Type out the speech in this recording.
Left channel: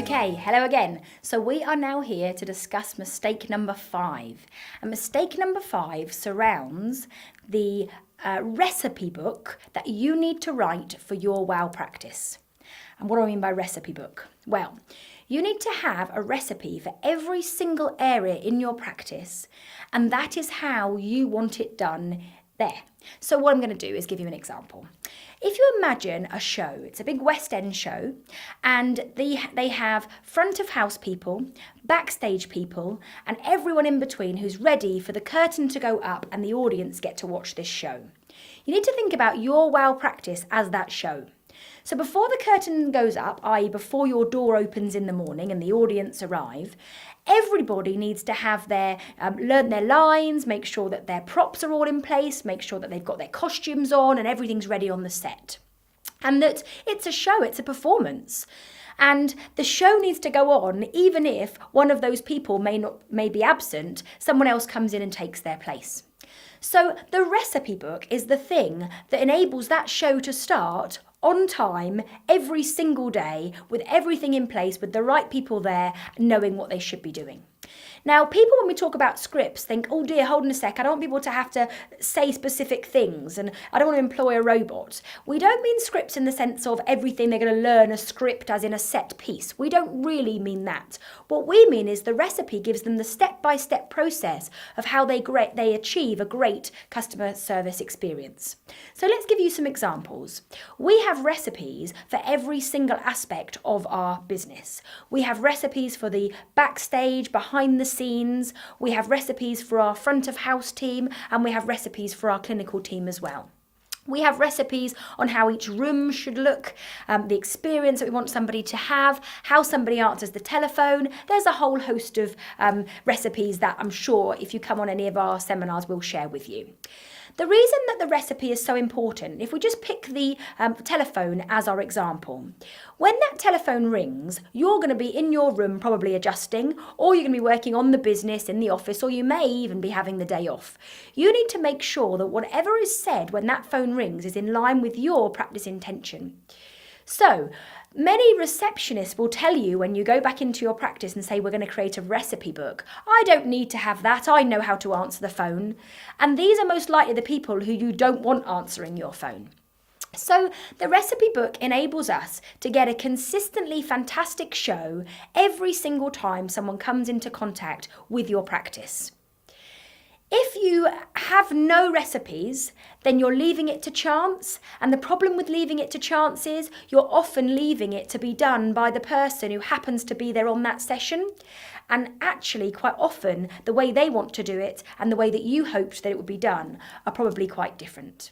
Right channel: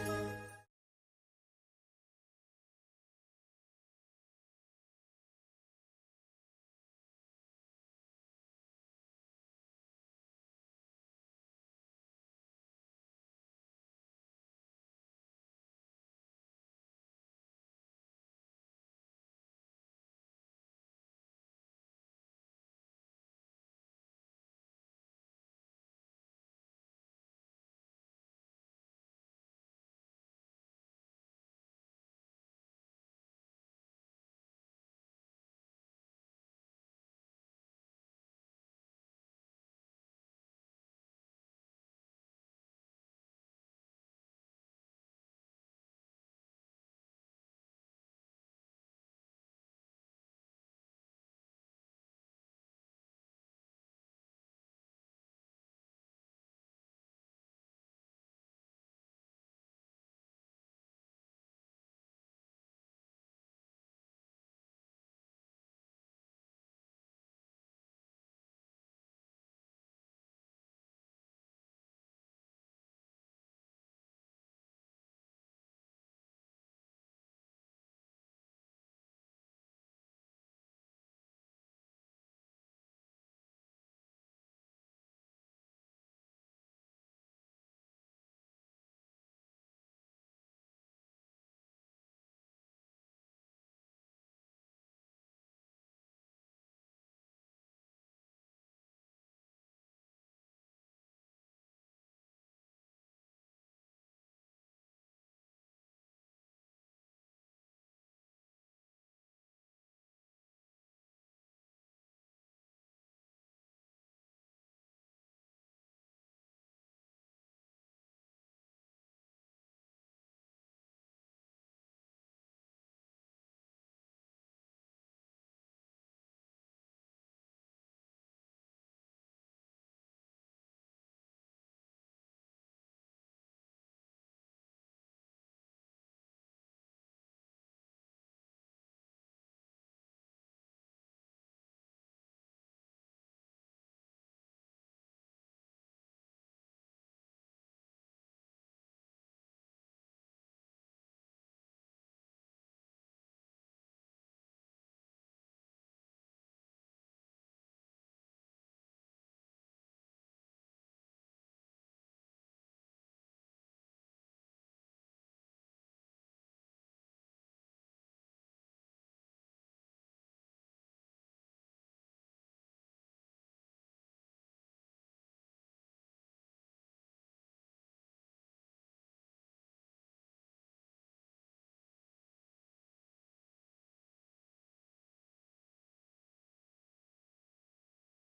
Okay, hello again. So we are now here to discuss mistake number 5. And mistake number 5 surrounds the recipe book that you need to write for your WOW practice. And what do I mean by recipe book? Well, you need to have a recipe for every single area in your practice, and that is how you want it done there. So what I'm going to do is give you an example. If you imagine a show, it's a big West End show, and they have front of house people, backstage people, and everyone in between who's ready for the curtain to go up and the audience get to watch this show. You need to think about your WOW practice as that show. So before the curtain goes up, i.e. before your door opens in the morning and the audience arrive, everybody needs to have learn their lines, make sure that their props are all in place, make sure that they've got their costumes on and everything's ready on the set. And that it's a show, it's a performance. And the show needs to go on even if one of those people may be absent, someone else comes in and takes their place. So the recipe book is the thing that enables that show to start on time every single day with everything in place, with the right people there, knowing what they should be doing. Now, people, when we talk about scripts, think, oh dear, hold on a sec, I don't want people to have to say specific things and I don't want to employ a robot. We don't mean scripts in the sense of everything they're going to learn a script as in a set piece. We don't really mean that. What we mean is the recipe gives them the step-by-step process of how they achieve a great customer service experience. So let's give you some examples. We have recipes for every single aspect of our business. We have recipes for the backstage, behind the scenes, we have recipes for our front of house team, and we have recipes for our clinical team as well. We have recipes on how each room should look, the experience that we want somebody to have, how somebody answers the telephone. There's a whole host of recipes that I'm sure if you come on any of our seminars we'll share with you. The reason that the recipe is so important, if we just pick the telephone as our example, when that telephone rings, you're going to be in your room probably adjusting, or you're going to be working on the business in the office, or you may even be having the day off. You need to make sure that whatever is said when that phone rings is in line with your practice intention. So, many receptionists will tell you when you go back into your practice and say, we're going to create a recipe book. I don't need to have that. I know how to answer the phone. And these are most likely the people who you don't want answering your phone. So the recipe book enables us to get a consistently fantastic show every single time someone comes into contact with your practice. If you have no recipes, then you're leaving it to chance. And the problem with leaving it to chance is you're often leaving it to be done by the person who happens to be there on that session. And actually, quite often, the way they want to do it and the way that you hoped that it would be done are probably quite different.